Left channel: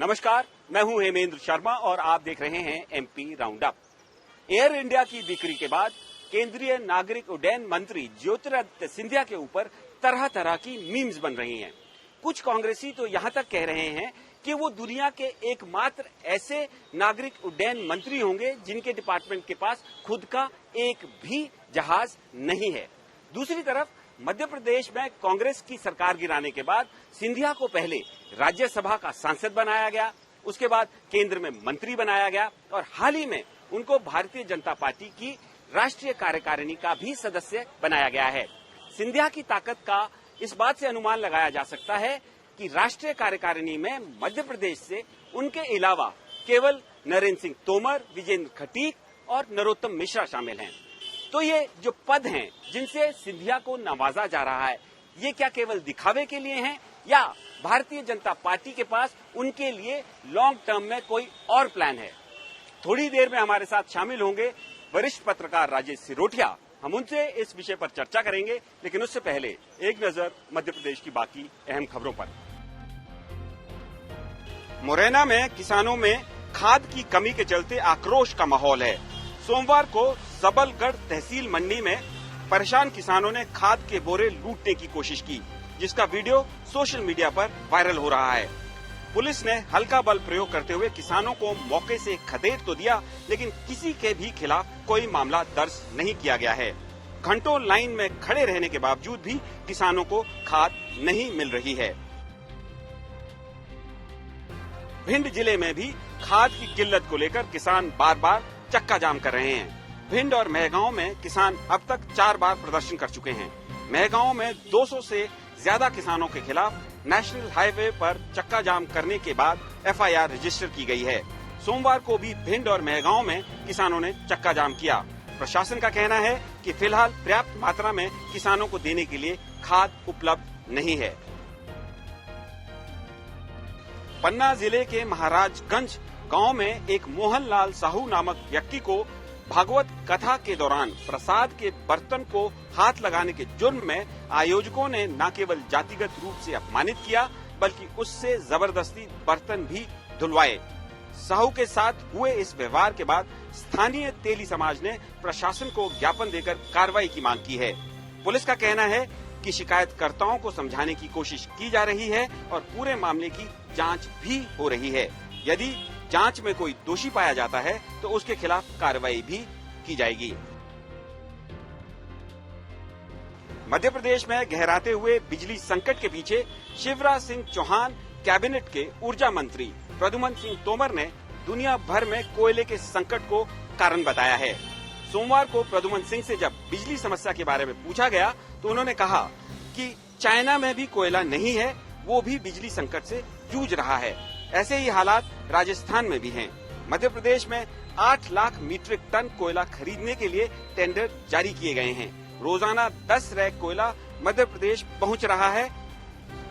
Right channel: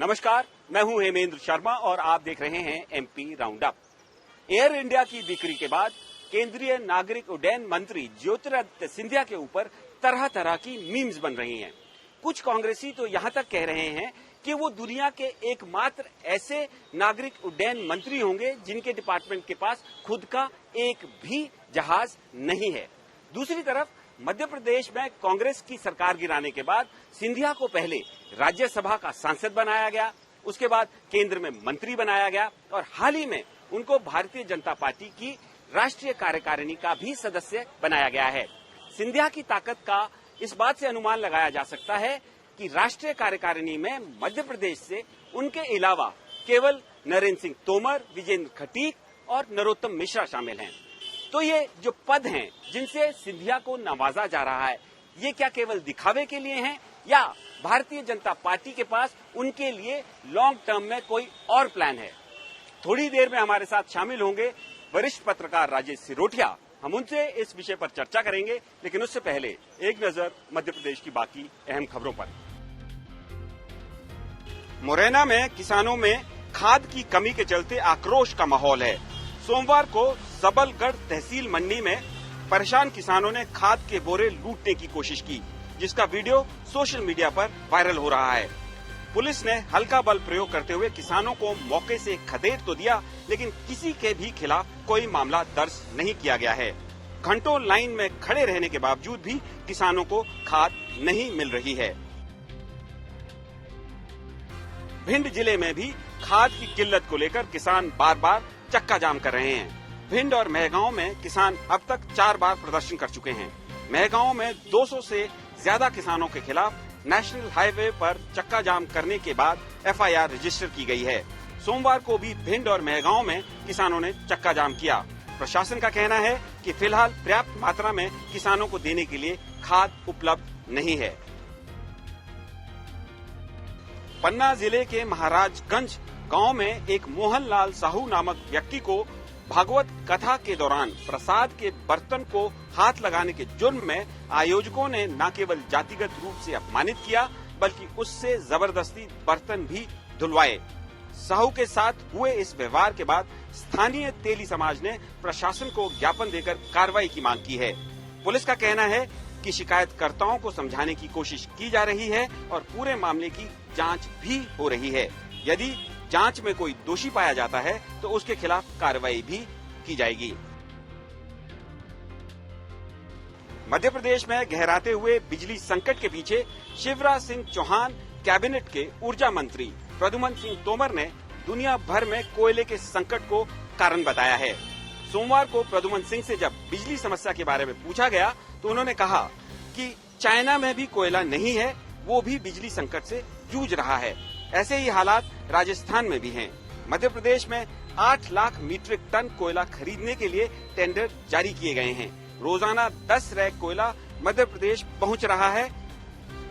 नमस्कार, मैं हूं हेमेंद्र शर्मा और आप देख रहे हैं MP round up. Air India की बिक्री के बाद केंद्रीय नागरिक उड्डयन मंत्री ज्योतिरादित्य सिंधिया के ऊपर तरह तरह की मीम्स बन रही हैं। कुछ कांग्रेसी तो यहां तक कह रहे हैं कि वो दुनिया के एकमात्र ऐसे नागरिक उड्डयन मंत्री होंगे जिनके डिपार्टमेंट के पास खुद का एक भी जहाज नहीं है। दूसरी तरफ मध्य प्रदेश में कांग्रेस की सरकार गिराने के बाद सिंधिया को पहले राज्यसभा का सांसद बनाया गया, उसके बाद केंद्र में मंत्री बनाया गया और हाल ही में उनको भारतीय जनता पार्टी की राष्ट्रीय कार्यकारिणी का भी सदस्य बनाया गया है। सिंधिया की ताकत का इस बात से अनुमान लगाया जा सकता है कि राष्ट्रीय कार्यकारिणी में मध्य प्रदेश से उनके अलावा केवल नरेंद्र सिंह तोमर, विजेंद्र खटीक और नरोत्तम मिश्रा शामिल हैं। तो ये जो पद हैं जिनसे सिंधिया को नवाजा जा रहा है, ये क्या केवल दिखावे के लिए हैं या भारतीय जनता पार्टी के पास उनके लिए लॉन्ग टर्म में कोई और प्लान है? थोड़ी देर में हमारे साथ शामिल होंगे वरिष्ठ पत्रकार राजेश सिरोठिया। हम उनसे इस विषय पर चर्चा करेंगे, लेकिन उससे पहले एक नजर मध्य प्रदेश की बाकी अहम खबरों पर। मुरैना में किसानों में खाद की कमी के चलते आक्रोश का माहौल है। सोमवार को सबलगढ़ तहसील मंडी में परेशान किसानों ने खाद के बोरे लूटने की कोशिश की, जिसका वीडियो सोशल मीडिया पर वायरल हो रहा है। पुलिस ने हल्का बल प्रयोग करते हुए किसानों को मौके से खदेड़ तो दिया, लेकिन किसी के भी खिलाफ कोई मामला दर्ज नहीं किया गया है। घंटों लाइन में खड़े रहने के बावजूद भी किसानों को खाद नहीं मिल रही है। भिंड जिले में भी खाद की किल्लत को लेकर किसान बार बार चक्का जाम कर रहे हैं। भिंड और मेहगांव में किसान अब तक 4 बार प्रदर्शन कर चुके हैं। मेहगांव में 200 से ज्यादा किसानों के खिलाफ नेशनल हाईवे पर चक्का जाम करने के बाद एफआईआर रजिस्टर की गई है। सोमवार को भी भिंड और मेहगांव में किसानों ने चक्का जाम किया। प्रशासन का कहना है कि फिलहाल पर्याप्त मात्रा में किसानों को देने के लिए खाद उपलब्ध नहीं है। पन्ना जिले के महाराजगंज गांव में एक मोहनलाल साहू नामक व्यक्ति को भागवत कथा के दौरान प्रसाद के बर्तन को हाथ लगाने के जुर्म में आयोजकों ने न केवल जातिगत रूप से अपमानित किया, बल्कि उससे जबरदस्ती बर्तन भी धुलवाए। साहू के साथ हुए इस व्यवहार के बाद स्थानीय तेली समाज ने प्रशासन को ज्ञापन देकर कार्रवाई की मांग की है। पुलिस का कहना है कि शिकायतकर्ताओं को समझाने की कोशिश की जा रही है और पूरे मामले की जांच भी हो रही है। यदि जांच में कोई दोषी पाया जाता है तो उसके खिलाफ कार्रवाई भी की जाएगी। मध्य प्रदेश में गहराते हुए बिजली संकट के पीछे शिवराज सिंह चौहान कैबिनेट के ऊर्जा मंत्री प्रद्युम्न सिंह तोमर ने दुनिया भर में कोयले के संकट को कारण बताया है। सोमवार को प्रद्युम्न सिंह से जब बिजली समस्या के बारे में पूछा गया तो उन्होंने कहा कि चाइना में भी कोयला नहीं है, वो भी बिजली संकट से जूझ रहा है। ऐसे ही हालात राजस्थान में भी हैं। मध्य प्रदेश में 8 लाख मीट्रिक टन कोयला खरीदने के लिए टेंडर जारी किए गए हैं। रोजाना 10 रैक कोयला मध्य प्रदेश पहुंच रहा है।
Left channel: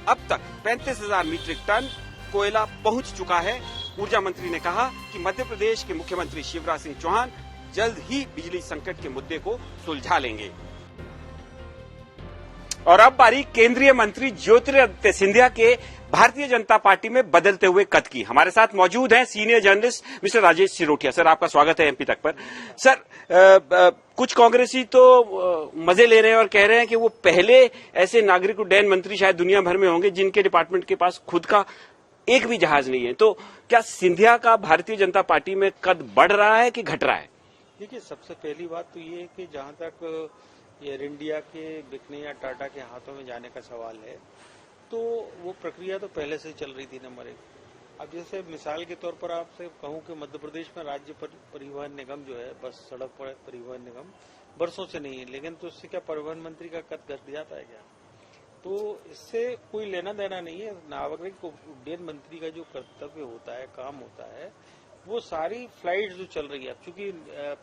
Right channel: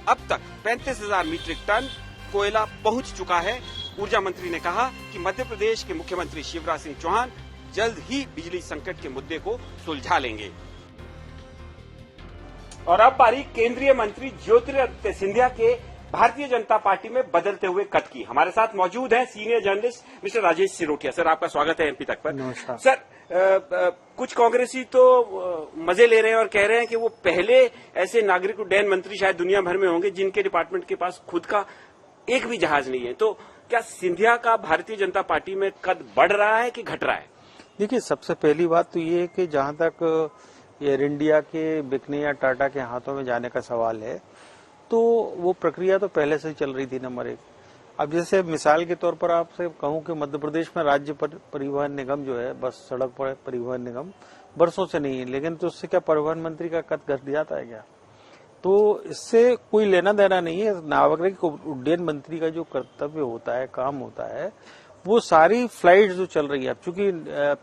अब तक 35,000 मीट्रिक टन कोयला पहुंच चुका है। ऊर्जा मंत्री ने कहा कि मध्य प्रदेश के मुख्यमंत्री शिवराज सिंह चौहान जल्द ही बिजली संकट के मुद्दे को सुलझा लेंगे। और अब बारी केंद्रीय मंत्री ज्योतिरादित्य सिंधिया के भारतीय जनता पार्टी में बदलते हुए कद की। हमारे साथ मौजूद हैं senior journalist mister Rajesh Sirothia. Sir, आपका स्वागत है एमपी तक पर। सर, कुछ कांग्रेसी तो मजे ले रहे हैं और कह रहे हैं कि वो पहले ऐसे नागरिक उड्डयन मंत्री शायद दुनिया भर में होंगे जिनके डिपार्टमेंट के पास खुद का एक भी जहाज नहीं है। तो क्या सिंधिया का भारतीय जनता पार्टी में कद बढ़ रहा है कि घट रहा है? देखिए, सबसे पहली बात तो ये है कि जहां तक एयर इंडिया के बिकने या टाटा के हाथों में जाने का सवाल है, तो वो प्रक्रिया तो पहले से ही चल रही थी, नंबर 1। अब जैसे मिसाल के तौर पर आपसे कहूं कि मध्य प्रदेश में राज्य परिवहन निगम जो है, बस सड़क पर परिवहन निगम बरसों से नहीं है, लेकिन तो उससे क्या परिवहन मंत्री का कद घट जाता है क्या? तो इससे कोई लेना देना नहीं है। नागरिक उड्डयन मंत्री का जो कर्तव्य होता है, काम होता है, वो सारी फ्लाइट जो चल रही है, अब चूंकि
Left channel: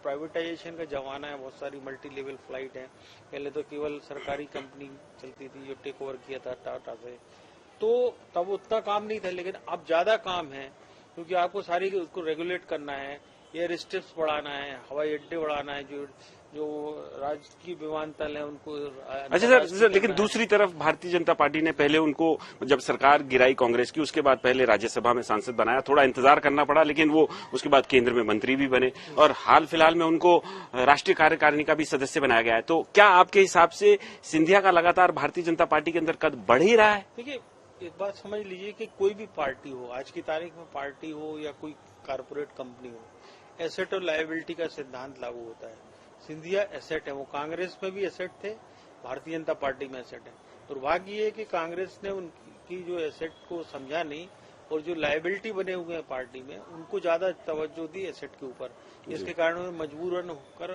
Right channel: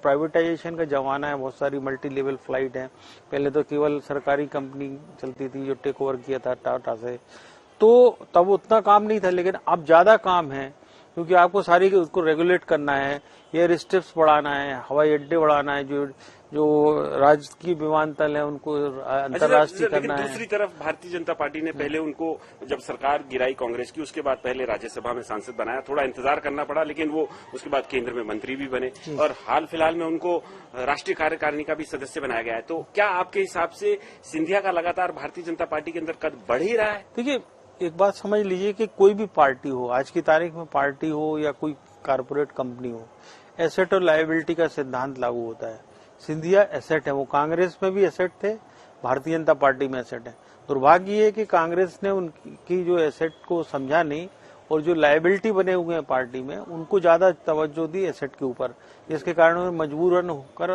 प्राइवेटाइजेशन का जमाना है, बहुत सारी मल्टी लेवल फ्लाइट है। पहले तो केवल सरकारी कंपनी चलती थी जो टेक ओवर किया था टाटा से, तो तब उतना काम नहीं था, लेकिन अब ज्यादा काम है क्योंकि आपको सारी उसको रेगुलेट करना है, एयर स्ट्रिप्स बढ़ाना है, हवाई अड्डे बढ़ाना है, जो जो राजकीय विमानतल है उनको अच्छा अंतर्राष्ट्रीय सर, लेकिन करना है। दूसरी तरफ भारतीय जनता पार्टी ने पहले उनको, जब सरकार गिराई कांग्रेस की, उसके बाद पहले राज्यसभा में सांसद बनाया, थोड़ा इंतजार करना पड़ा, लेकिन वो उसके बाद केंद्र में मंत्री भी बने और हाल फिलहाल में उनको राष्ट्रीय कार्यकारिणी का भी सदस्य बनाया गया है। तो क्या आपके हिसाब से सिंधिया का लगातार भारतीय जनता पार्टी के अंदर कद बढ़ ही रहा है? देखिए, एक बात समझ लीजिए कि कोई भी पार्टी हो, आज की तारीख में पार्टी हो या कोई कारपोरेट कंपनी हो, एसेट और लायबिलिटी का सिद्धांत लागू होता है। सिंधिया एसेट है, वो कांग्रेस में भी एसेट थे, भारतीय जनता पार्टी में एसेट है। दुर्भाग्य ये है कि कांग्रेस ने उनकी जो एसेट को समझा नहीं और जो लायबिलिटी बने हुए हैं पार्टी में उनको ज्यादा तवज्जो दी एसेट के ऊपर, जिसके कारण उन्हें मजबूरन होकर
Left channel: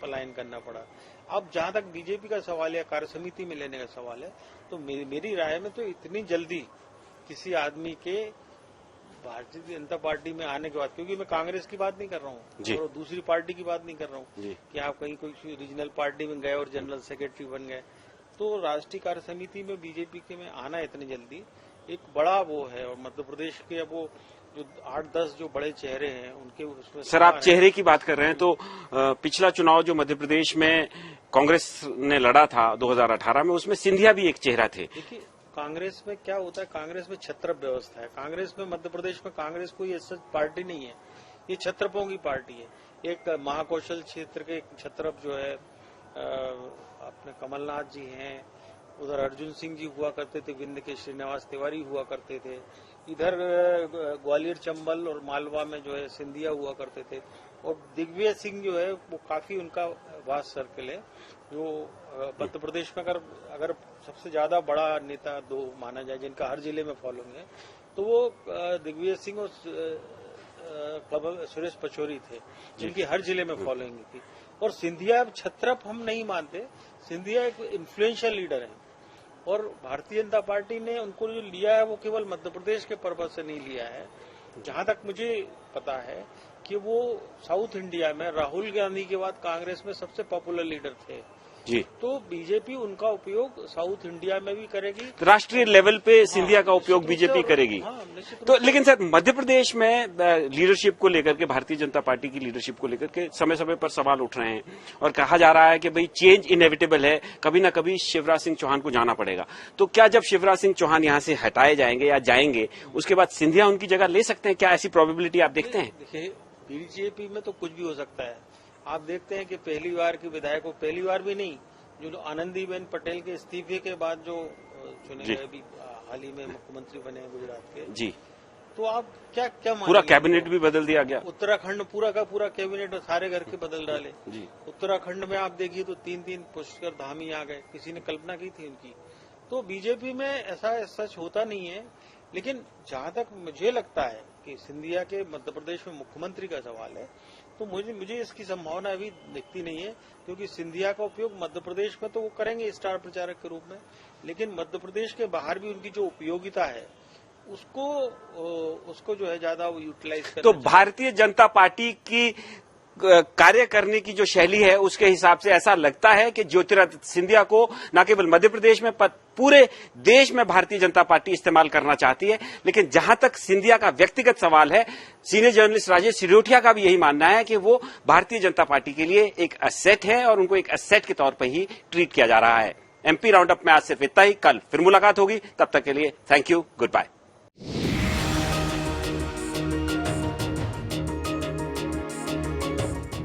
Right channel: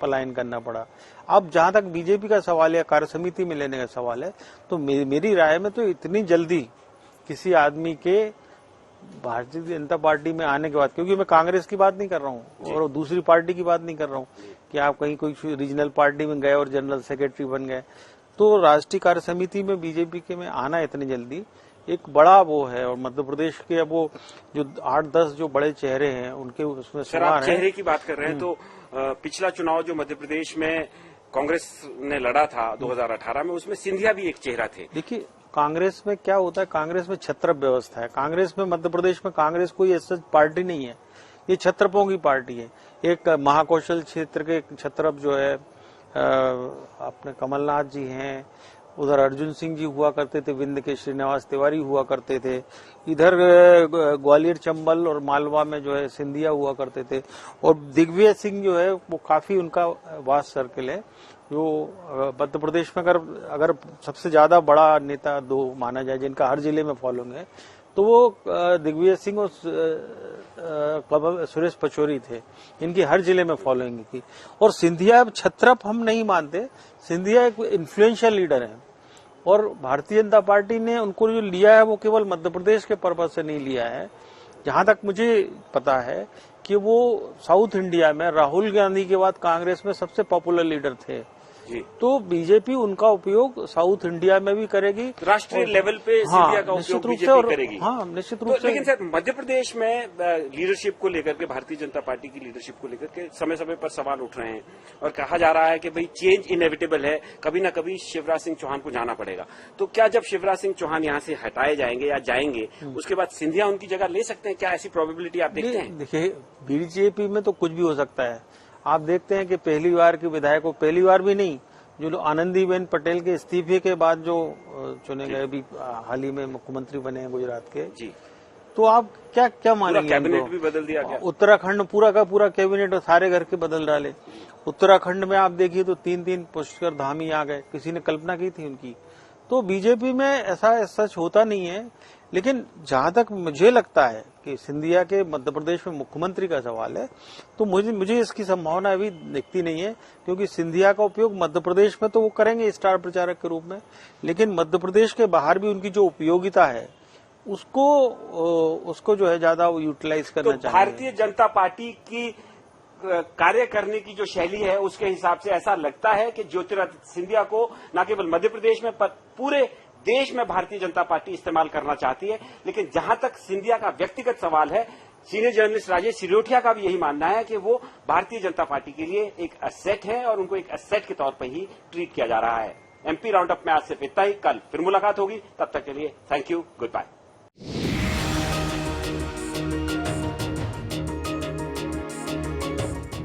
पलायन करना पड़ा। अब जहां तक बीजेपी का सवाल है, कार्य समिति में लेने का सवाल है, तो मेरी राय में तो इतनी जल्दी किसी आदमी के भारतीय जनता पार्टी में आने के बाद, क्योंकि मैं कांग्रेस की बात नहीं कर रहा हूँ और दूसरी पार्टी की बात नहीं कर रहा हूँ कि आप कहीं कोई रीजनल पार्टी में गए और जनरल सेक्रेटरी बन गए, तो राष्ट्रीय कार्य समिति में बीजेपी के में आना इतनी जल्दी एक बड़ा वो है। और मध्य प्रदेश के अब वो जो 8-10 जो बड़े चेहरे हैं उनके उसमें सर, आप चेहरे की बात कर रहे हैं, तो पिछला चुनाव जो मध्य प्रदेश में कांग्रेस ने लड़ा था 2018 में, उसमें सिंधिया भी एक चेहरा थे। देखिए, कांग्रेस में क्या होता है, कांग्रेस में छत्रप व्यवस्था है। कांग्रेस में, मध्य प्रदेश में कांग्रेस कोई ऐसा पार्टी नहीं है, ये छत्रपों की पार्टी है। एक महाकौशल क्षेत्र के छत्रप जो है अपने कमलनाथ जी हैं, उधर अर्जुन सिंह जी हुआ करते थे, विंध्य के श्रीनिवास तिवारी हुआ करते थे, इधर ग्वालियर चंबल और मालवा में जो है सिंधिया हुआ करते थे, और दिग्विजय सिंह जो है वो काफी उनका वास्ट सर्किल है। जो मध्य प्रदेश में अगर सबसे ज्यादा बड़ा नेता दो माना जाए जिनका हर जिले में फॉलोइंग है, तो वो दिग्विजय सिंह और सुरेश पचौरी थे, जिनकी हर जिले में फॉलोइंग थी। और सिंधिया छत्रप हम नहीं मानते, सिंधिया एक इन्फ्लुएंशियल लीडर है और भारतीय जनता पार्टी ने उनको जो लिया है वो केवल मध्य प्रदेश के पर्पज से नहीं लिया है। जहां तक मुझे पता है कि वो साउथ इंडिया में राहुल गांधी के बाद कांग्रेस में सबसे पॉपुलर लीडर थे जी। तो बीजेपी उनका उपयोग साउथ इंडिया में भी करेगी, राष्ट्रीय लेवल पे सिंधिया का उपयोग बीजेपी करेगी। हाँ, निश्चित रूप तो से। लेकिन सर, मध्य प्रदेश में लीडरशिप को लेकर के, भारतीय जनता पार्टी की लीडरशिप को लेकर के समय समय पर सवाल उठ रहे हैं और कहा जा रहा है कि भाई चेंज इनएविटेबल है, कभी ना कभी शिवराज सिंह चौहान को जाना पड़ेगा। तो क्या जब शिवराज सिंह चौहान यहाँ से हटाए जाएंगे या जाएंगे, उसके बाद सिंधिया उनकी जगह ले सकते हैं? क्या ऐसी प्रोबेबिलिटी आप देखते हैं? देखिए, बीजेपी में तो कुछ भी हो सकता है। आप देखते हैं कि पहली बार के विधायक को, पहली बार भी नहीं, जो आनंदीबेन पटेल के इस्तीफे के बाद जो चुने गए, अभी हाल ही में मुख्यमंत्री बने हैं गुजरात के जी, तो आप क्या क्या मानेंगे? पूरा कैबिनेट भी बदल दिया गया। उत्तराखंड पूरा का पूरा कैबिनेट और सारे घर के बदल डाले। उत्तराखंड में आप देखिए तो 3-3 पुष्कर धाम ही आ गए, किसी ने कल्पना की थी उनकी। तो बीजेपी में ऐसा सच होता नहीं है। लेकिन जहां तक मुझे लगता है कि सिंधिया के मध्य प्रदेश में मुख्यमंत्री का सवाल है, तो मुझे इसकी संभावना अभी दिखती नहीं है, क्योंकि सिंधिया का उपयोग मध्य प्रदेश में तो वो करेंगे स्टार प्रचारक के रूप में, लेकिन मध्य प्रदेश के बाहर भी उनकी जो उपयोगिता है उसको जो है ज्यादा यूटिलाइज करना चाहिए। तो भारतीय जनता पार्टी की कार्य करने की जो शैली है उसके हिसाब से ऐसा लगता है कि ज्योतिरादित्य सिंधिया को न केवल मध्य प्रदेश में पूरे देश में भारतीय जनता पार्टी इस्तेमाल करना चाहती है। लेकिन जहां तक सिंधिया का व्यक्तिगत सवाल है, सीनियर जर्नलिस्ट राजेश सिरोठिया का भी यही मानना है कि वो भारतीय जनता पार्टी के लिए एक एसेट है और उनको एक एसेट के तौर पर ही ट्रीट किया जा रहा है। एमपी राउंड अप में आज सिर्फ इतना ही। कल फिर मुलाकात होगी, तब तक के लिए थैंक यू, गुड बाय।